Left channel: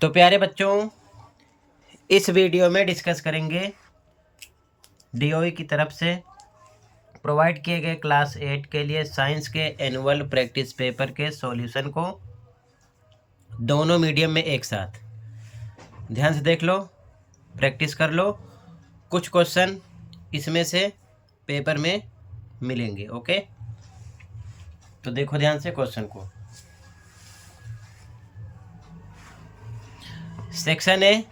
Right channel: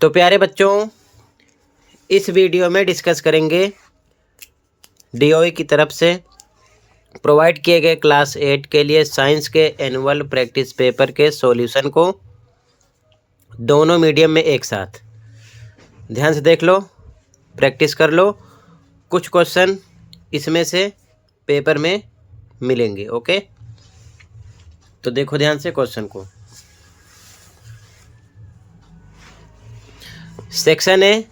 तो प्यारे बच्चों, इस वीडियो में डिस्कस करेंगे डीओई की तरफ से प्रोवाइड किए गए क्लास 8 के लिए साइंस के एनुअल प्रैक्टिस पेपर के सॉल्यूशन को दोनों मीडियम में एक साथ। ध्यान से देख लो, प्रैक्टिस कर लो। कुछ क्वेश्चन इसमें से पेपर में मिलेंगे। ओके, तो देखो ध्यान से क्वेश्चन को। सेक्शन ए,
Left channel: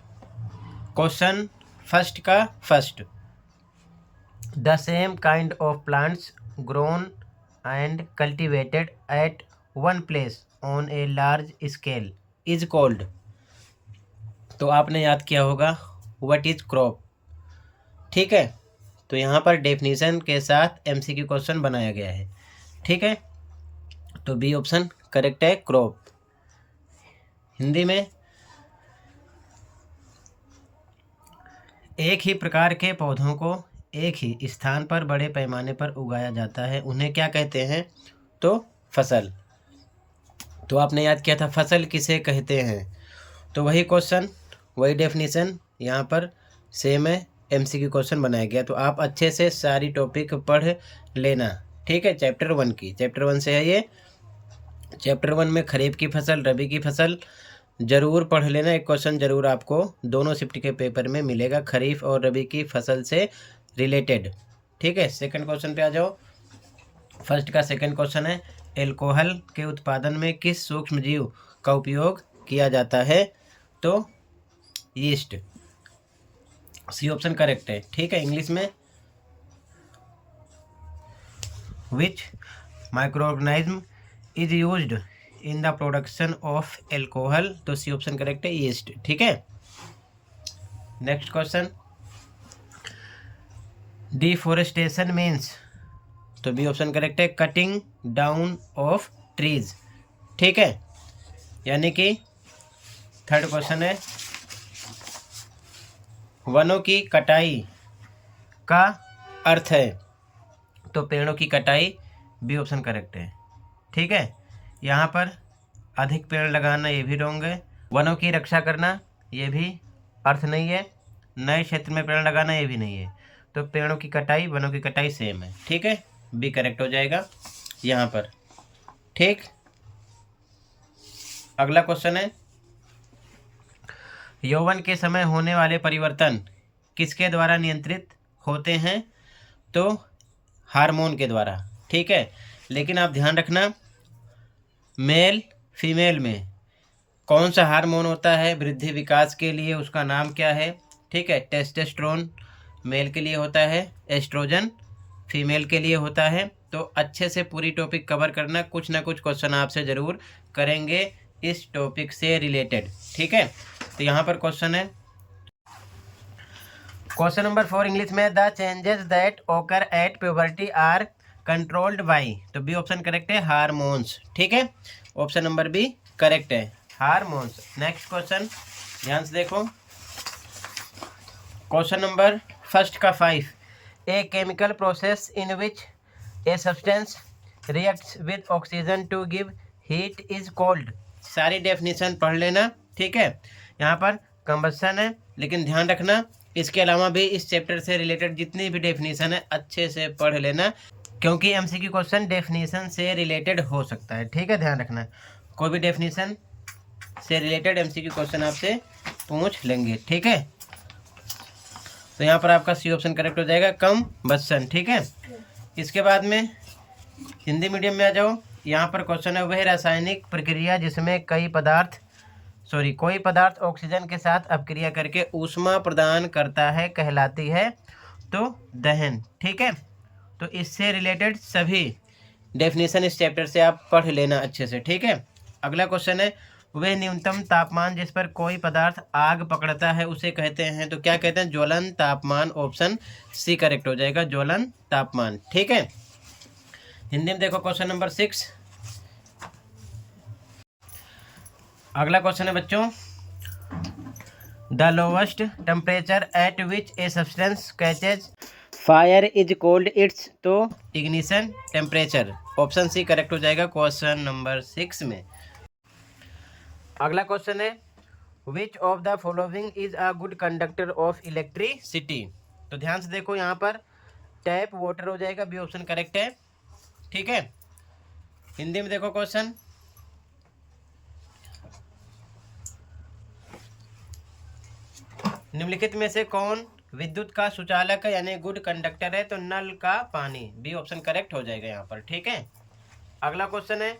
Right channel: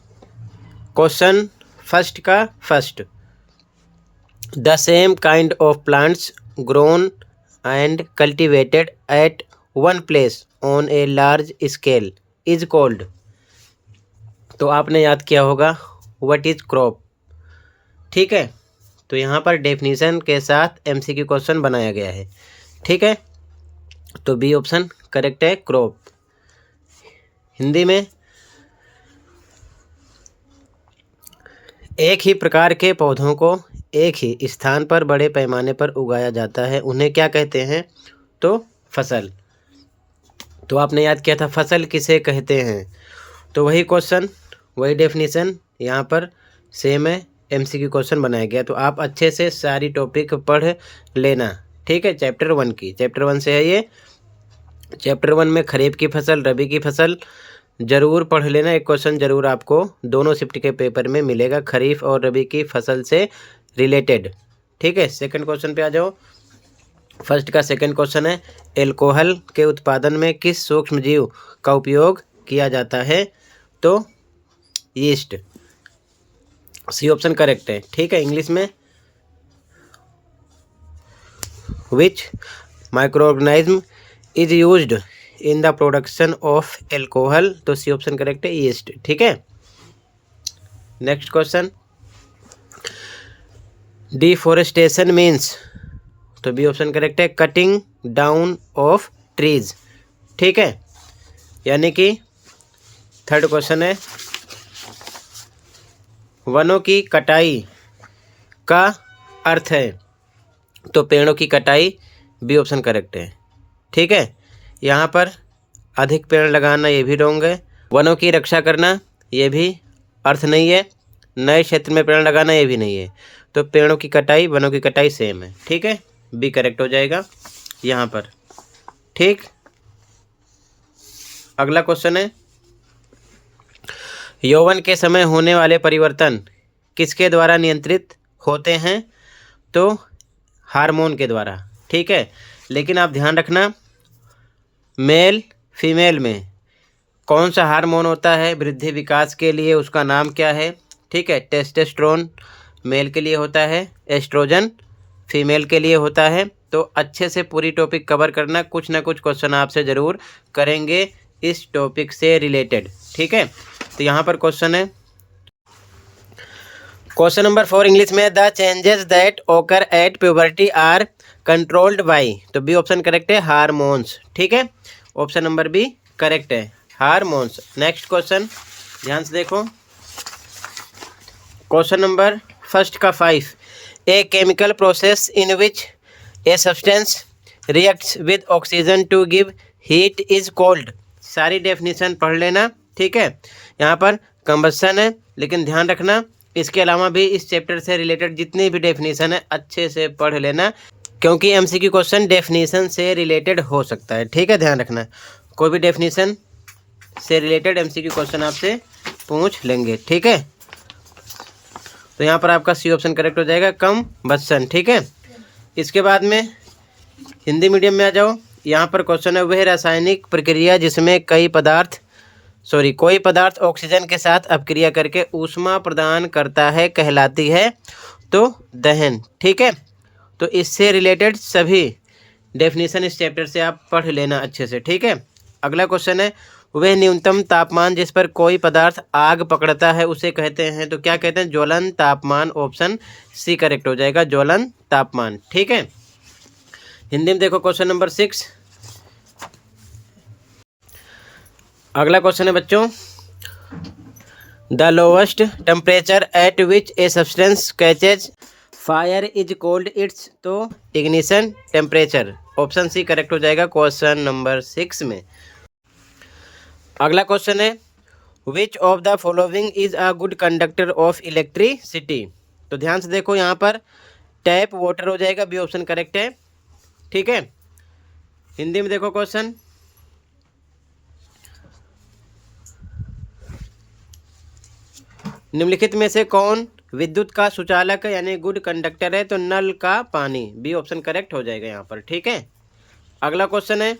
क्वेश्चन फर्स्ट का first. The same kind of plants grown and cultivated at one place on a large scale is called। तो आपने याद किया होगा व्हाट इज क्रॉप। ठीक है, तो यहाँ पर डेफिनेशन के साथ एमसीक्यू क्वेश्चन बनाया गया है। ठीक है, तो बी ऑप्शन करेक्ट है, क्रॉप। हिंदी में एक ही प्रकार के पौधों को एक ही स्थान पर बड़े पैमाने पर उगाया जाता है, उन्हें क्या कहते हैं? तो फसल। तो आपने याद किया था फसल किसे कहते हैं, तो वही क्वेश्चन वही डेफिनेशन यहाँ पर सेम है, एमसीक्यू क्वेश्चन बनाया गया। तो आप अच्छे से सारी टॉपिक पढ़ लेना। ठीक है, चैप्टर 1 की, चैप्टर 1 से है ये। चैप्टर 1 में खरीफ की फसल, रबी की फसल जरूर पढ़ लेना। एक क्वेश्चन जरूर आपको दोनों शिफ्ट के पेपर में मिलेगा, खरीफ और रबी की फसल से रिलेटेड। ठीक है, सेकंड क्वेश्चन पे आ जाओ। फर्स्ट का सेकंड क्वेश्चन है, एल्कोहल के उत्पादन में किस सूक्ष्म जीव का उपयोग किया जाता है? तो यीस्ट, सी ऑप्शन करेक्ट है। ठीक है, इंग्लिश में which microorganism is used in the production of alcohol, तो सी ऑप्शन करेक्ट है, यीस्ट। ठीक है, नेक्स्ट क्वेश्चन, डिफोरेस्टेशन मीन्स, तो बी ऑप्शन करेक्ट है, कटिंग डाउन ऑफ ट्रीज। ठीक है, यानी कि थर्ड क्वेश्चन है, वनों की कटाई का अर्थ है? तो पेड़ों की कटाई, बी ऑप्शन करेक्ट है। ठीक है, यहाँ पर अधिक पेड़ लगाना ये भी रॉन्ग है, वनों की रक्षा करना ये भी अर्थ नहीं है, नए क्षेत्र में पेड़ लगाना ये भी नहीं है। तो पेड़ों की कटाई, वनों की कटाई सेम है। ठीक है, बी करेक्ट हो जाएगा यहाँ पर। ठीक, अगला क्वेश्चन है, यौवन के समय होने वाले परिवर्तन किसके द्वारा नियंत्रित होते हैं? तो हार्मोन के द्वारा। ठीक है, लेकिन आप ध्यान रखना, मेल फीमेल में कौन सा हार्मोन होता है वृद्धि विकास के लिए, उसका नाम क्या है? ठीक है, टेस्टोस्टेरोन मेल के लिए होता है, एस्ट्रोजन फीमेल के लिए होता है। तो अच्छे से पूरी टॉपिक कवर करना, कुछ ना कुछ क्वेश्चन आपसे ज़रूर करेंगे इस टॉपिक से रिलेटेड। ठीक है, तो यहाँ पर क्वेश्चन है, क्वेश्चन नंबर 4 इंग्लिश में, the changes that occur at puberty are controlled by, तो बी ऑप्शन करेक्ट है, हार्मोन्स। ठीक है, ऑप्शन नंबर बी करेक्ट है, हार्मोन्स। नेक्स्ट क्वेश्चन ध्यान से देखो, क्वेश्चन नंबर फर्स्ट का 5, a chemical process in which a substance reacts with oxygen to give heat is called. सारी डेफिनेशन पढ़ लेना। ठीक है, यहाँ पर कंबस्शन है, लेकिन ध्यान रखना इसके अलावा भी इस चैप्टर से रिलेटेड जितनी भी डेफिनेशन है अच्छे से पढ़ लेना, क्योंकि एमसीक्यू क्वेश्चन डेफिनेशन से रिलेटेड हो सकता है। ठीक है, ध्यान रखना, कोई भी डेफिनेशन से रिलेटेड एमसीक्यू क्वेश्चन आपसे पूछ लेंगे। ठीक है, तो यहाँ पर आपका सी ऑप्शन करेक्ट हो जाएगा, कंबस्शन। ठीक है, इसके बाद में हिंदी मीडियम में आ जाओ। यहाँ पर क्वेश्चन है, वह रासायनिक प्रक्रिया जिसमें कोई पदार्थ ऑक्सीजन के साथ अपक्रिया करके ऊष्मा प्रदान करता है कहलाती है? तो दहन। ठीक है, तो इससे रिलेटेड सभी डेफिनेशन इस चैप्टर से आप पढ़ लेना अच्छे से। ठीक है, अगला क्वेश्चन है, वह न्यूनतम तापमान जिस पर कोई पदार्थ आग पकड़ता है उसे कहते हैं? तो क्या कहते हैं? ज्वलन तापमान। ऑप्शन सी करेक्ट हो जाएगा, ज्वलन तापमान। ठीक है, हिंदी में देखो क्वेश्चन नंबर 6। अगला क्वेश्चन है बच्चों, the lowest temperature at which a substance catches fire is called its, तो ignition temperature. Option C correct हो जाएगा क्वेश्चन नंबर 6 में। अगला क्वेश्चन है, which of the following is a good conductor of electricity. तो ध्यान से देखो, यहाँ पर टैप वाटर हो जाएगा, बी ऑप्शन करेक्ट है। ठीक है, हिंदी में देखो क्वेश्चन, निम्नलिखित में से कौन विद्युत का सुचालक है यानी गुड कंडक्टर है। तो नल का पानी, बी ऑप्शन करेक्ट हो जाएगा यहाँ पर। ठीक है, अगला क्वेश्चन है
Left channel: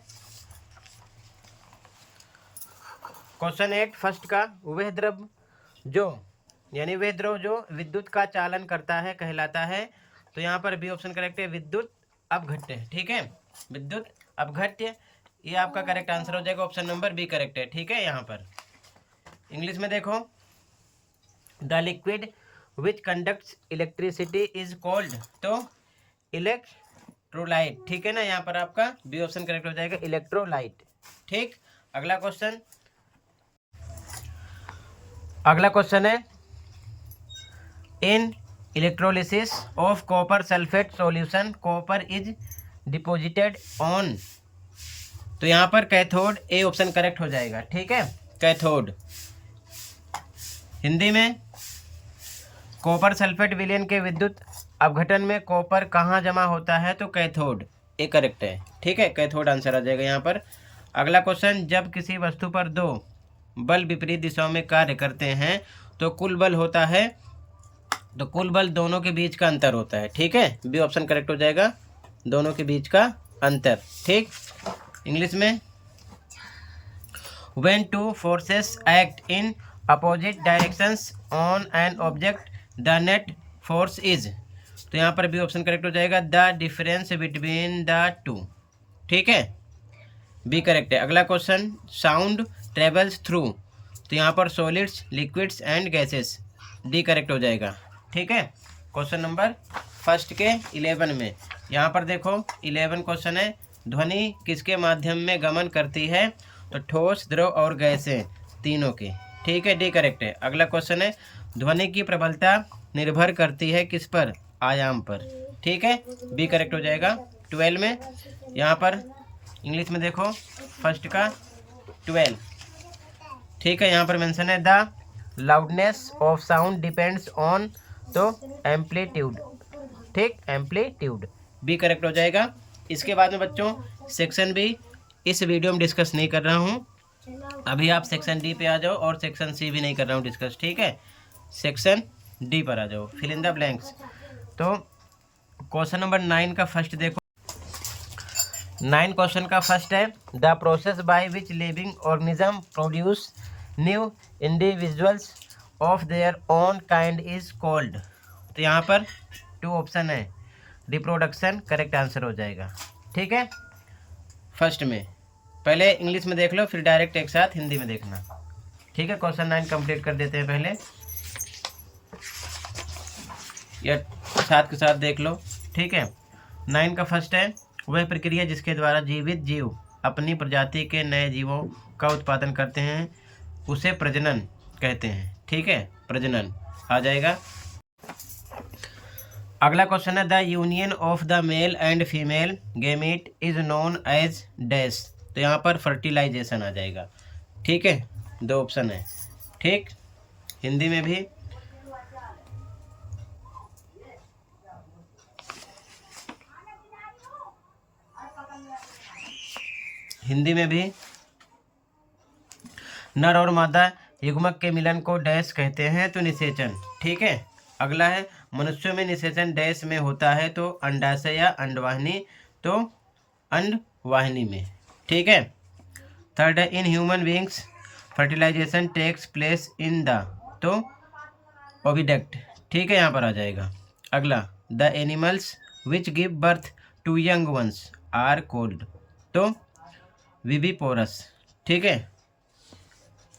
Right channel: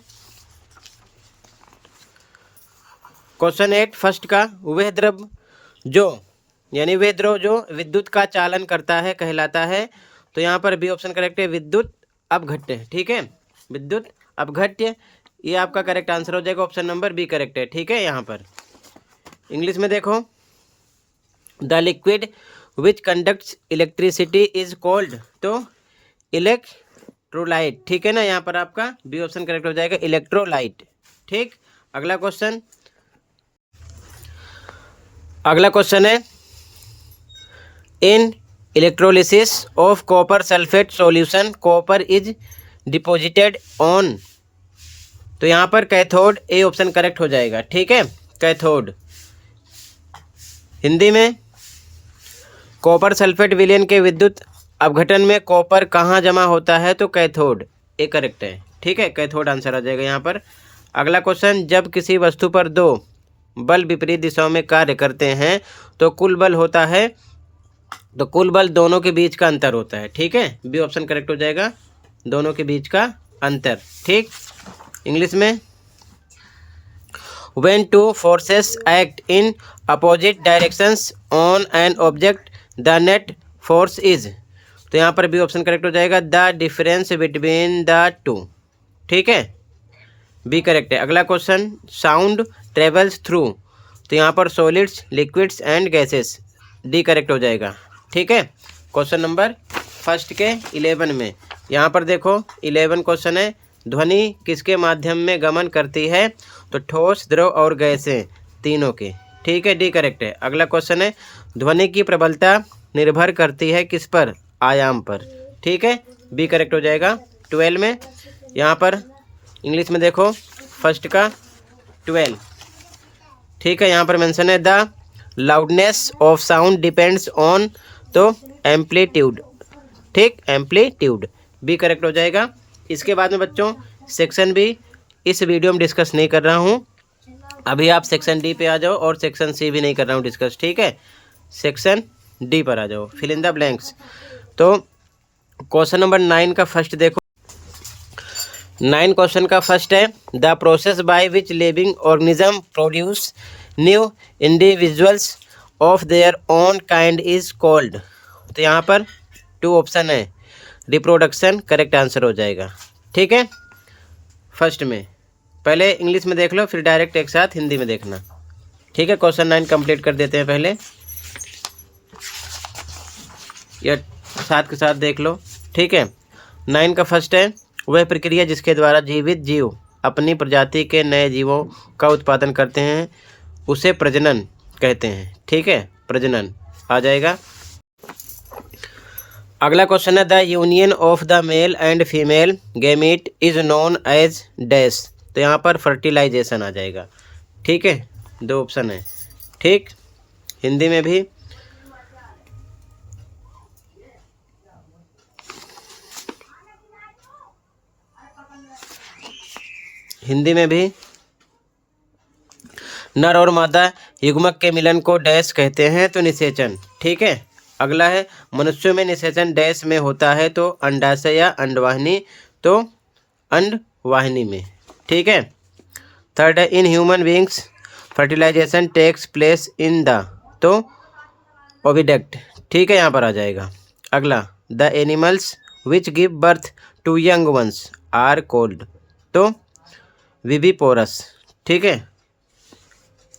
क्वेश्चन 8 फर्स्ट का, वह द्रव जो यानी वह द्रव जो विद्युत का चालन करता है कहलाता है। तो यहाँ पर बी ऑप्शन करेक्ट है, विद्युत अपघट्य। ठीक है, विद्युत अपघट्य, ये आपका करेक्ट आंसर हो जाएगा, ऑप्शन नंबर बी करेक्ट है। ठीक है, यहाँ पर इंग्लिश में देखो, the liquid which conducts electricity is called. तो इलेक्ट्रोलाइट। ठीक है ना, यहाँ पर आपका बी ऑप्शन करेक्ट हो जाएगा, इलेक्ट्रोलाइट। ठीक, अगला क्वेश्चन है in electrolysis of copper sulphate solution copper is deposited on. तो यहाँ पर कैथोड, ए ऑप्शन करेक्ट हो जाएगा। ठीक है, कैथोड। हिंदी में कॉपर सल्फेट विलयन के विद्युत अपघटन में कॉपर कहाँ जमा होता है। तो कैथोड, ए करेक्ट है। ठीक है, कैथोड आंसर आ जाएगा यहाँ पर। अगला क्वेश्चन, जब किसी वस्तु पर दो बल विपरीत दिशाओं में कार्य करते हैं तो कुल बल होता है। तो कुल बल दोनों के बीच का अंतर होता है। ठीक है, बी ऑप्शन करेक्ट हो जाएगा, दोनों के बीच का अंतर। ठीक, इंग्लिश में when two forces act in opposite directions on an object the net force is। तो यहाँ पर बी ऑप्शन करेक्ट हो जाएगा, the difference between the two. ठीक है, बी करेक्ट है। अगला क्वेश्चन, साउंड ट्रेवल्स थ्रू। तो यहाँ पर solids, liquids and gases, D correct हो जाएगा। ठीक है, क्वेश्चन नंबर फर्स्ट के 11 में, यहाँ पर देखो 11 क्वेश्चन है, ध्वनि किसके माध्यम में गमन करती है। तो ठोस, द्रव और गैसें, तीनों के। ठीक है, डी करेक्ट है। अगला क्वेश्चन है, ध्वनि की प्रबलता निर्भर करती है किस पर, आयाम पर। ठीक है, बी करेक्ट हो जाएगा। 12 में यहाँ पर इंग्लिश में देखो, फर्स्ट का 12। ठीक है, यहाँ पर मेंशन है the loudness of sound depends on. तो एम्पलीट्यूड। ठीक, एम्पलीट्यूड, बी करेक्ट हो जाएगा। इसके बाद में बच्चों सेक्शन बी इस वीडियो में डिस्कस नहीं कर रहा हूँ, अभी आप सेक्शन डी पे आ जाओ, और सेक्शन सी भी नहीं कर रहा हूँ डिस्कस। ठीक है, सेक्शन डी पर आ जाओ, फिल इन द ब्लैंक्स। तो क्वेश्चन नंबर 9 का फर्स्ट देखो, 9 क्वेश्चन का फर्स्ट है, the process by which living organism produce new individuals of their own kind is called. तो यहाँ पर 2 ऑप्शन है, रिप्रोडक्शन करेक्ट आंसर हो जाएगा। ठीक है, फर्स्ट में पहले इंग्लिश में देख लो, फिर डायरेक्ट एक साथ हिंदी में देखना। ठीक है, क्वेश्चन 9 कंप्लीट कर देते हैं पहले, या साथ के साथ देख लो। ठीक है, 9 का फर्स्ट है, वह प्रक्रिया जिसके द्वारा जीवित जीव अपनी प्रजाति के नए जीवों का उत्पादन करते हैं उसे प्रजनन कहते हैं। ठीक है, प्रजनन आ जाएगा। अगला क्वेश्चन है, the union of the male and female gamete is known as dash. तो यहाँ पर फर्टिलाइजेशन आ जाएगा। ठीक है, 2 ऑप्शन है। ठीक, हिंदी में भी नर और मादा युग्मक के मिलन को डैश कहते हैं। तो निषेचन। ठीक है, अगला है, मनुष्यों में निषेचन डैश में होता है। तो अंडाशय या अंडवाहिनी। तो अंडवाहिनी में। ठीक है, थर्ड है, in human beings fertilization takes place in the. तो ओविडक्ट। ठीक है, यहाँ पर आ जाएगा। अगला, the animals which give birth to young ones are called. तो विविपोरस। ठीक है,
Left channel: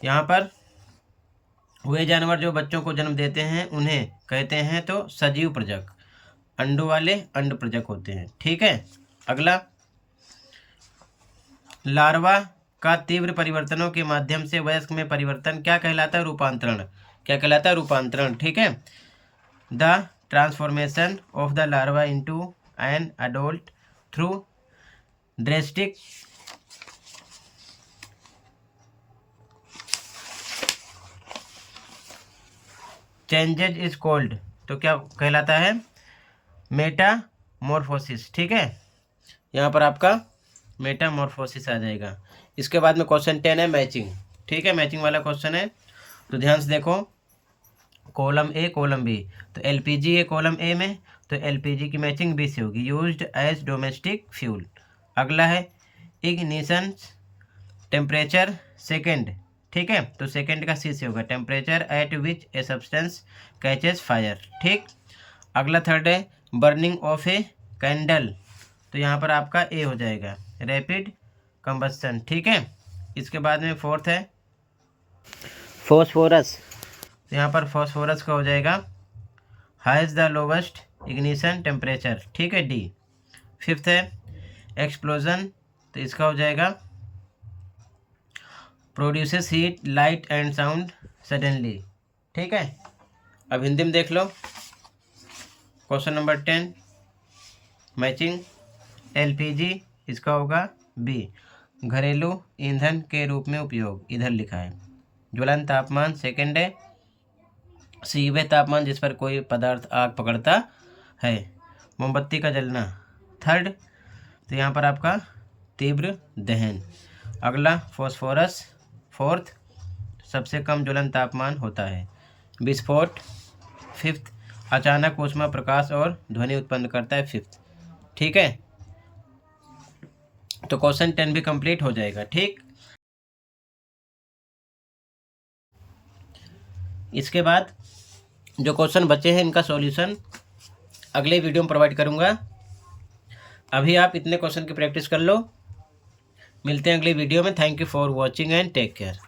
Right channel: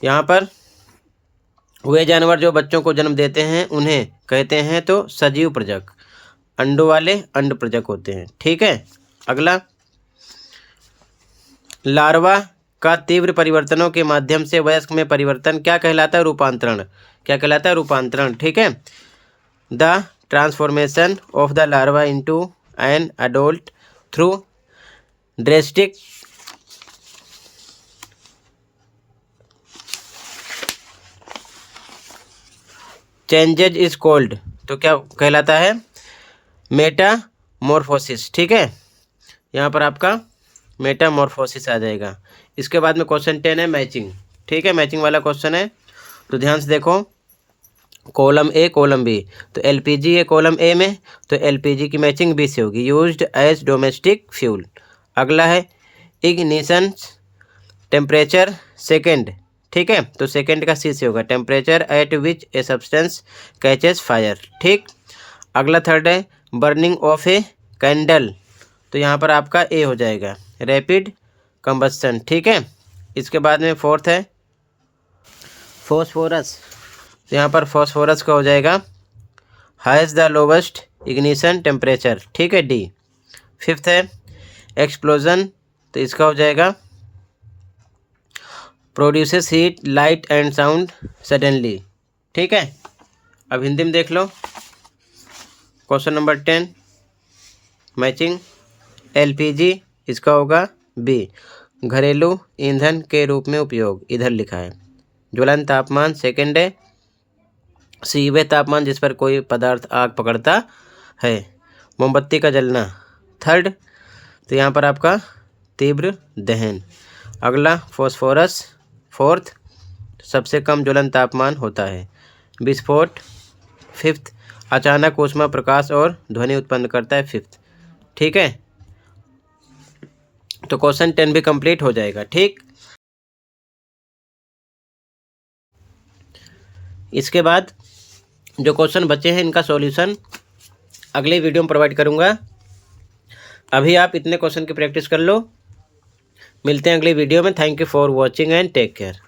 यहाँ पर वे जानवर जो बच्चों को जन्म देते हैं उन्हें कहते हैं तो सजीव प्रजक। अंडों वाले अंड प्रजक होते हैं। ठीक है, अगला, लार्वा का तीव्र परिवर्तनों के माध्यम से वयस्क में परिवर्तन क्या कहलाता है, रूपांतरण। क्या कहलाता है, रूपांतरण। ठीक है, the transformation of the larva into an adult through drastic changes is called, तो क्या कहलाता है? मेटामॉर्फोसिस। ठीक है, यहाँ पर आपका मेटामॉर्फोसिस आ जाएगा। इसके बाद में क्वेश्चन 10 है मैचिंग। ठीक है, मैचिंग वाला क्वेश्चन है, तो ध्यान से देखो। कॉलम ए कॉलम बी, तो एलपीजी है कॉलम ए में, तो एलपीजी की मैचिंग बी से होगी, यूज्ड एज डोमेस्टिक फ्यूल। अगला है इग्निशन टेम्परेचर सेकेंड। ठीक है, तो सेकेंड का सी से होगा, temperature at which a substance catches fire. ठीक, अगला थर्ड है बर्निंग ऑफ ए कैंडल, तो यहाँ पर आपका ए हो जाएगा, रैपिड कंबस्शन। ठीक है, इसके बाद में फोर्थ है फॉस्फोरस, तो यहाँ पर फॉस्फोरस का हो जाएगा has the lowest ignition temperature. ठीक है, डी। फिफ्थ है एक्सप्लोजन, तो इसका हो जाएगा produces heat light and sound suddenly. ठीक है, अब हिंदी में देख लो क्वेश्चन नंबर 10 मैचिंग। एलपीजी इसका होगा बी, घरेलू ईंधन के रूप में उपयोग, इधर लिखा है। ज्वलन तापमान सेकंड है, सी वह तापमान जिस पर कोई पदार्थ आग पकड़ता है। मोमबत्ती का जलना थर्ड, तो यहाँ पर आपका तीव्र दहन। अगला फॉस्फोरस फोर्थ, सबसे कम ज्वलन तापमान होता है। विस्फोट फिफ्थ, अचानक ऊष्मा प्रकाश और ध्वनि उत्पन्न करता है फिफ्थ। ठीक है, तो क्वेश्चन 10 भी कंप्लीट हो जाएगा। ठीक, इसके बाद जो क्वेश्चन बचे हैं इनका सॉल्यूशन अगले वीडियो में प्रोवाइड करूंगा। अभी आप इतने क्वेश्चन की प्रैक्टिस कर लो। मिलते हैं अगले वीडियो में। Thank you for watching and take care.